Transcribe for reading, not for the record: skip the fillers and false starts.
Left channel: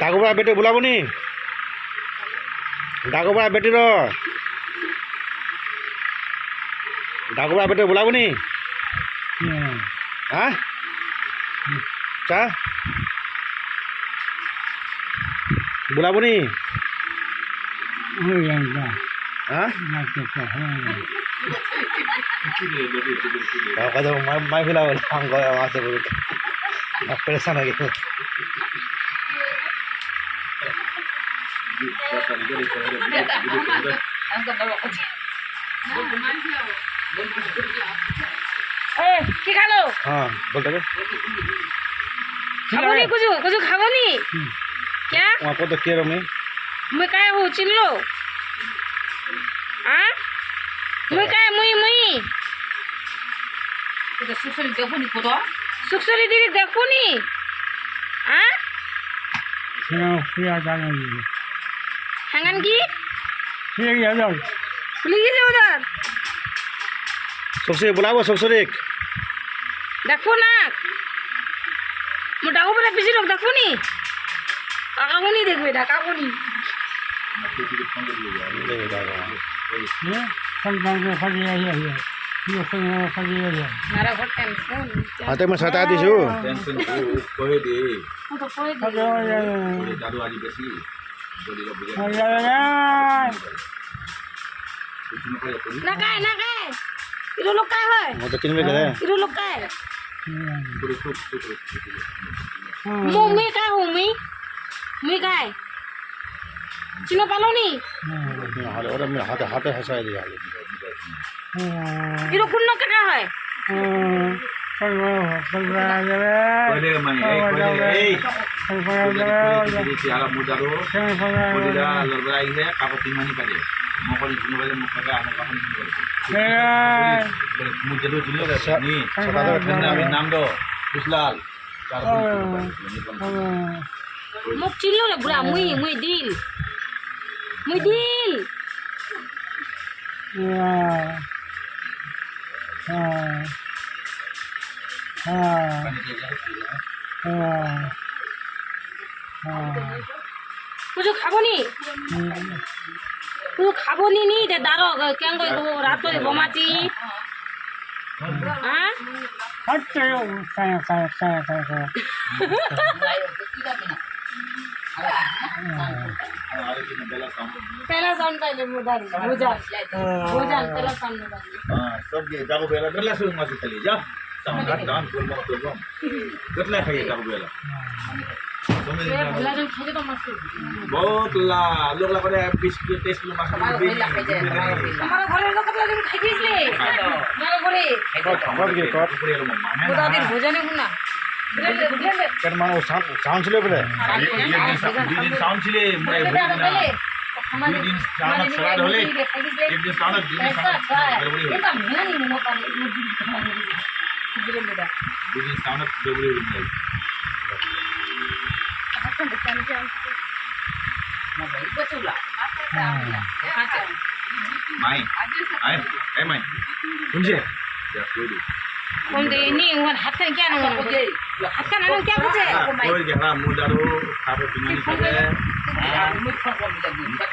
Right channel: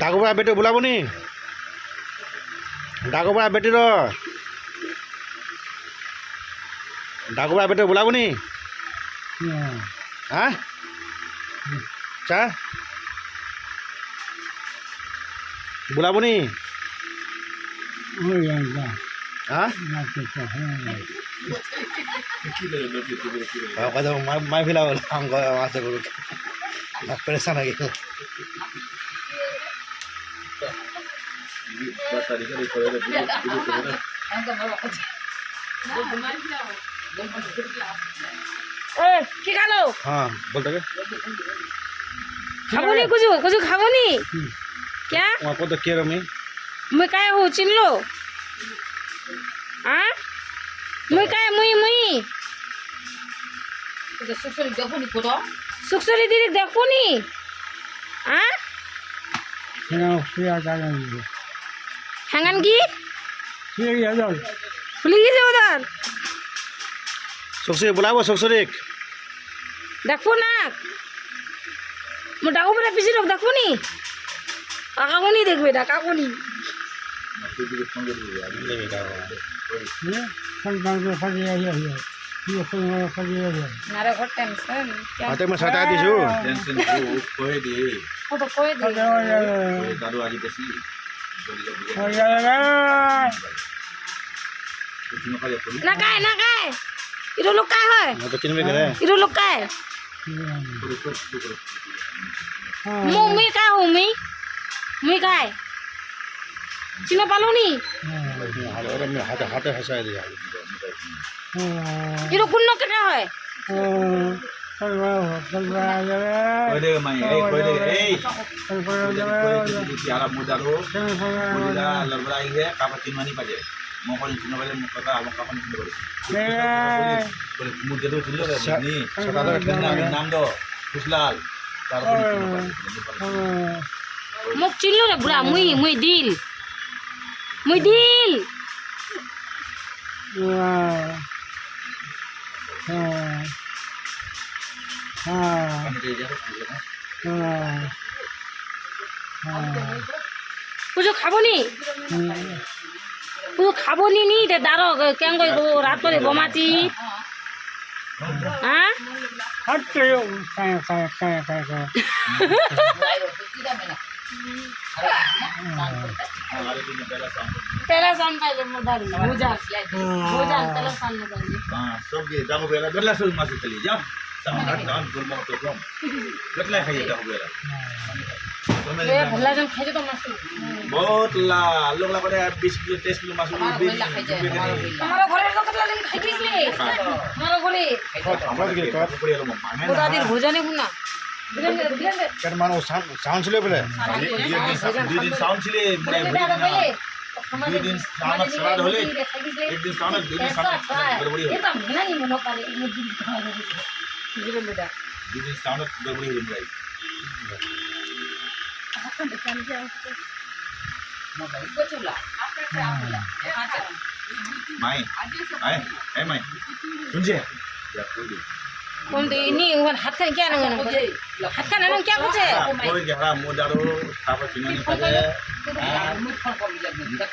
ডাকোবা বেটি বোলাবনি ডাকোবা বেটির ডাকোবা বেটি বোলাবনি হ্যাঁ চা বোলাবনি হ্যাঁ কথা মাই ফেলা বলে আছে বলে পেরেছান হয়ে গেল কি খালো हाँ बोलते खाबो नी कुछ खाबो नी क्या वहाँ को तो क्या रमी मैं काय हो चिल्लो हाँ मैं काय मुई तो सुसरी देखो नी कोदा सुखसरी दीदी देखो नी हाँ हंगन की खुली गई उधर सुखसरी बुलाओ सुखसरी देखो ना मोटा को बड़ा पीछे लोग देखो नी काका को नहीं देखबे काका को नहीं मारा बहुत टेंशन हाथे में सटा दी जो टेंशन को कोई दे वो तो कोई दे दारू वाली बेसी ना काय इरो लोग काय है वो तो तीन में गए इरो लोग काय मुई काय हो मुई काय चिनो पालो नी और मैं हाथे हाथे हंसा दिया इरो कुन्नो के काय है कोई दे माई कोई दे यारा मुदारो मुदा लड़ाई है कापति मानी पाजे मोकली चिनो वाले मोकका आलो कापन चिनो वाले मुझे तो चिल्लो के नी सदा नाम दो खुशलाल मुक चिल्लो रे बुरा मुई दिल कुछ खाबो नी कुछ खाबो नी ते दारो केंगो गो रात रे बमाती हां पहला सन पे मुदारी भोजा पहला सन मुदारी हां सब के जागो बेला बेला सुन मासु चली जा सामान डान बोल मत तो कितना खाइए जागो बेला ए भला जन खाइ तो मस्त बहुत ला लोग ला करे 20 किलो 30 किलो मासु हमारा घरे तो कतला दिन खाइ दिसले हमारा घरे कौन के कौन मुदारी भोजा ने गुना कर मानो साउंड चले बोले দুই দিন সাউন্ড ছিলে মোড়াই দুই দিন সাউন্ড সারা হলে এক দিন সাউন্ড দুই দিন সাউন্ড গড়বড়ি হলো এটা মেনা নি মনো পারে মুদি বুঝলে মেডা দুই দিন সাউন্ড গড়বড়ি হলো মোড়াই এখন দেখেন যে मोबाइल को चला মাই আই মাই শুনছে या कोई कौन दे नी उन हाथ का क्या ना हाथ का ना क्या पूछे कोई गहरा मुदारो कापति मानी पाजे मुझ फोन कर दिया